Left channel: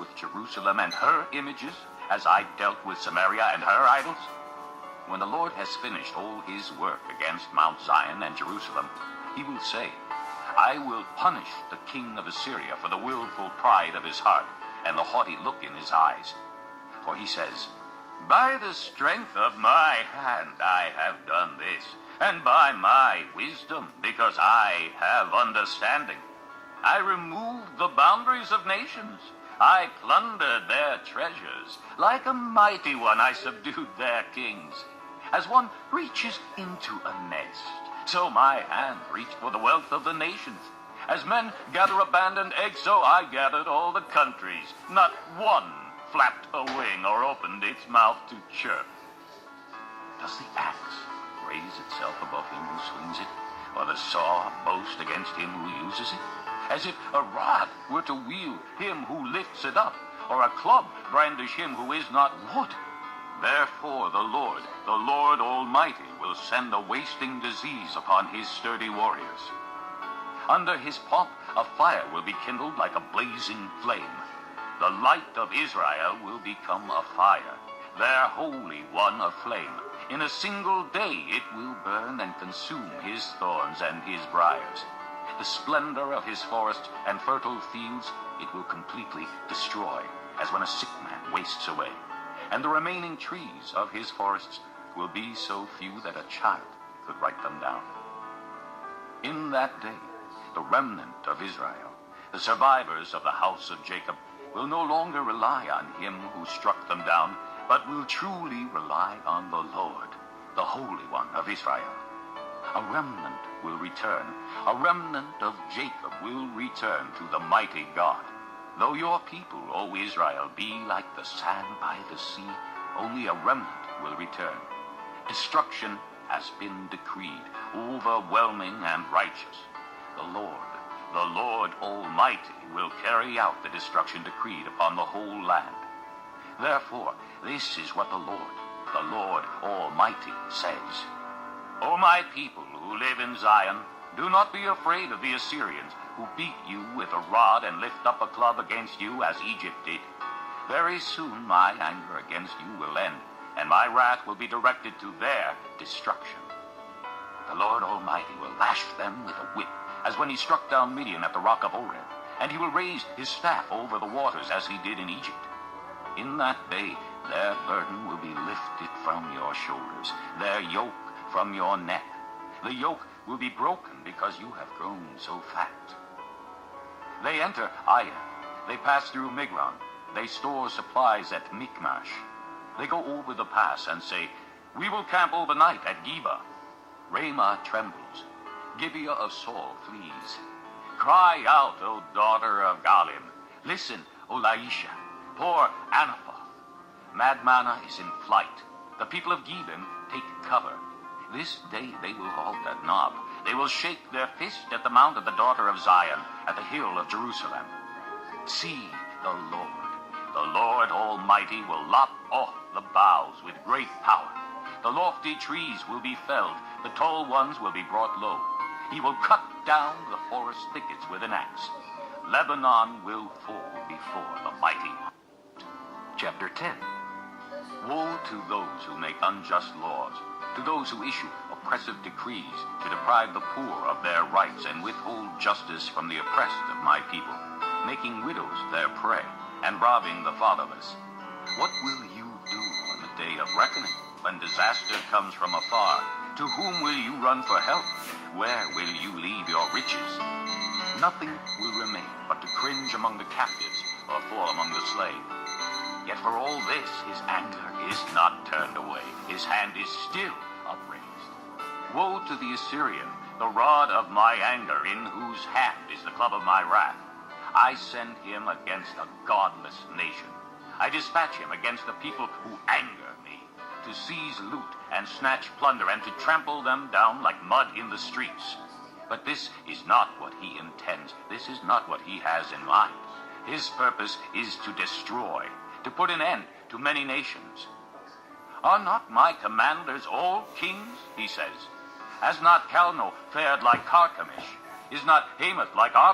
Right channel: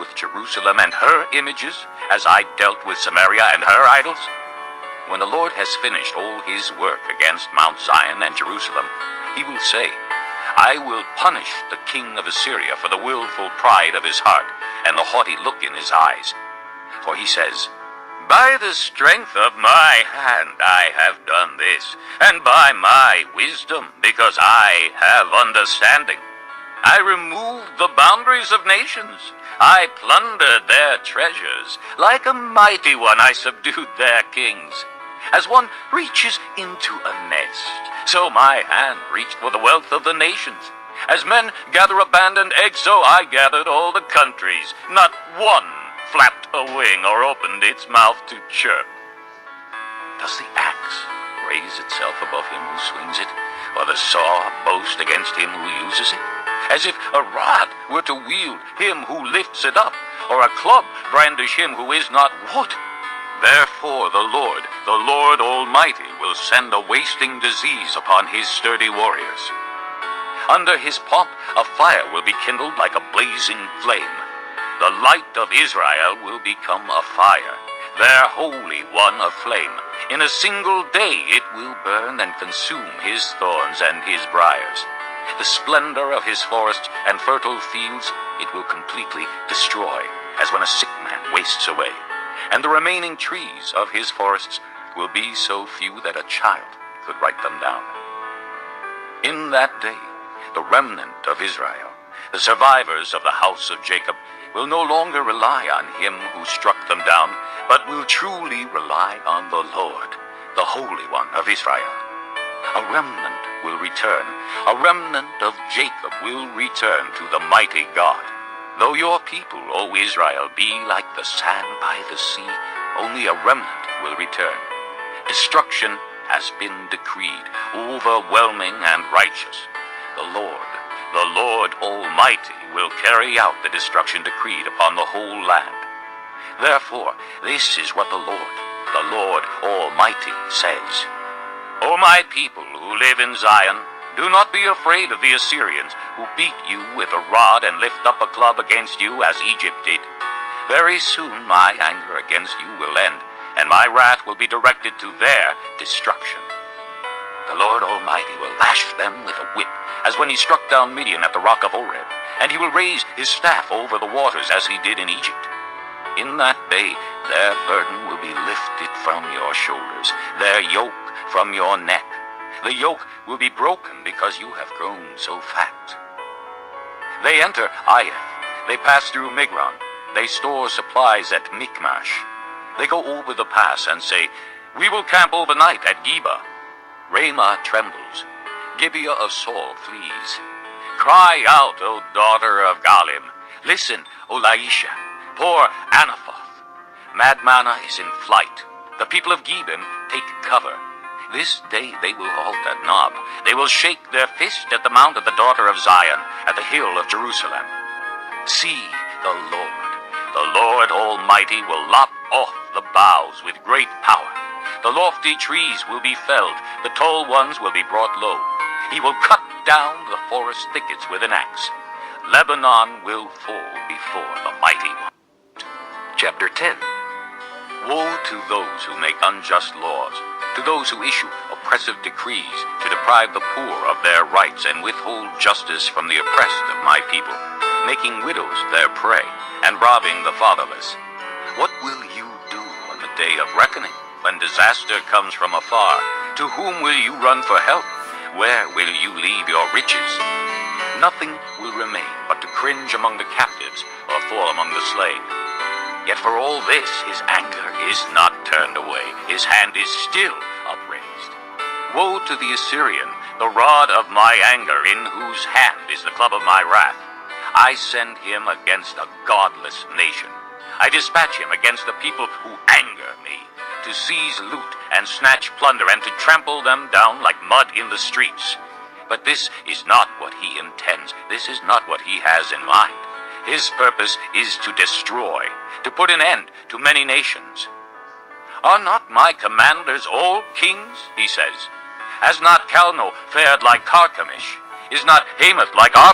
with Jerusalem and her images as I dealt with Samaria and her idols? When the Lord has finished all his work against Mount Zion and Jerusalem, he will say, I will punish the king of Assyria for the willful pride of his heart and the haughty look in his eyes. For he says, by the strength of my hand I have done this, and by my wisdom, because I have understanding. I removed the boundaries of nations. I plundered their treasures. Like a mighty one I subdued their kings. As one reaches into a nest, so my hand reached for the wealth of the nations. As men gather abandoned eggs, so I gathered all the countries. Not one flapped a wing or opened its mouth to chirp. Does the axe raise itself above him who swings it, or the saw boast against him who uses it? As if a rod were to wield him who lifts it up, or a club brandish him who is not wood. Therefore the Lord Almighty, will send a wasting disease upon his sturdy warriors. Under his pomp a fire will be kindled like a blazing flame. The light of Israel will become a fire, their Holy One a flame. In a single day it will burn and consume his thorns and his briars. The splendor of his forests and fertile fields it will completely destroy, as when a sick man wastes away. And the remaining trees of his forests will be so few that a child could write them down. In that day, the remnant of Israel, the survivors of the house of Jacob, will no longer rely on him who struck them down, but will truly rely on the Lord, the Holy One of Israel. A remnant will return. A remnant of Jacob will return to the mighty God. Though your people, O Israel, be like the sand by the sea, only a remnant will return. Destruction has been decreed, overwhelming and righteous. The Lord Almighty will carry out the destruction decreed upon the whole land. Therefore, this is what the Lord Almighty says. O my people who live in Zion, do not be afraid of the Assyrians, who beat you with a rod and lift up a club against you as Egypt did. Very soon my anger against you will end, and my wrath will be directed to their destruction. The Lord Almighty will lash them with a whip, as when he struck down Midian at the rock of Oreb, and he will raise his staff over the waters as he did in Egypt. In that day their burden will be lifted from your shoulders, their yoke from your neck. The yoke will be broken because you have grown so fat. They enter Aiah, they pass through Migron, they store supplies at Michmash. They go over the pass and say, we will camp overnight at Geba. Ramah trembles, Gibeah of Saul flees. Cry out, O daughter of Galim. Listen, O Laisha, poor Anathoth. Madmanah is in flight. The people of Gebim take cover. This day they will halt at Nob. They will shake their fist at the mount of the daughter of Zion, at the hill of Jerusalem. See, the Lord Almighty will lop off the boughs with great power. The lofty trees will be felled, the tall ones will be brought low. He will cut down the forest thickets with an axe. Lebanon will fall before the mighty one. Chapter 10. Woe to those who make unjust laws, to those who issue oppressive decrees to deprive the poor of their rights and withhold justice from the oppressed of my people, making widows their prey and robbing the fatherless. What will you do on the day of reckoning, when disaster comes from afar? To whom will you run for help? Where will you leave your riches? Nothing will remain but to cringe among the captives or fall among the slain. Yet for all this his anger is not turned away, his hand is still upraised. Woe to the Assyrian, the rod of my anger, in whose hand is the club of my wrath. I send him against a godless nation. I dispatch him against the people who anger me, to seize loot and snatch plunder and to trample them down like mud in the streets. But this is not what he intends. This is not what he has in mind. His purpose is to destroy, to put an end to many nations. Are not my commanders all kings, he says? Has not Calno fared like Carchemish? Is not Hamath like Ar?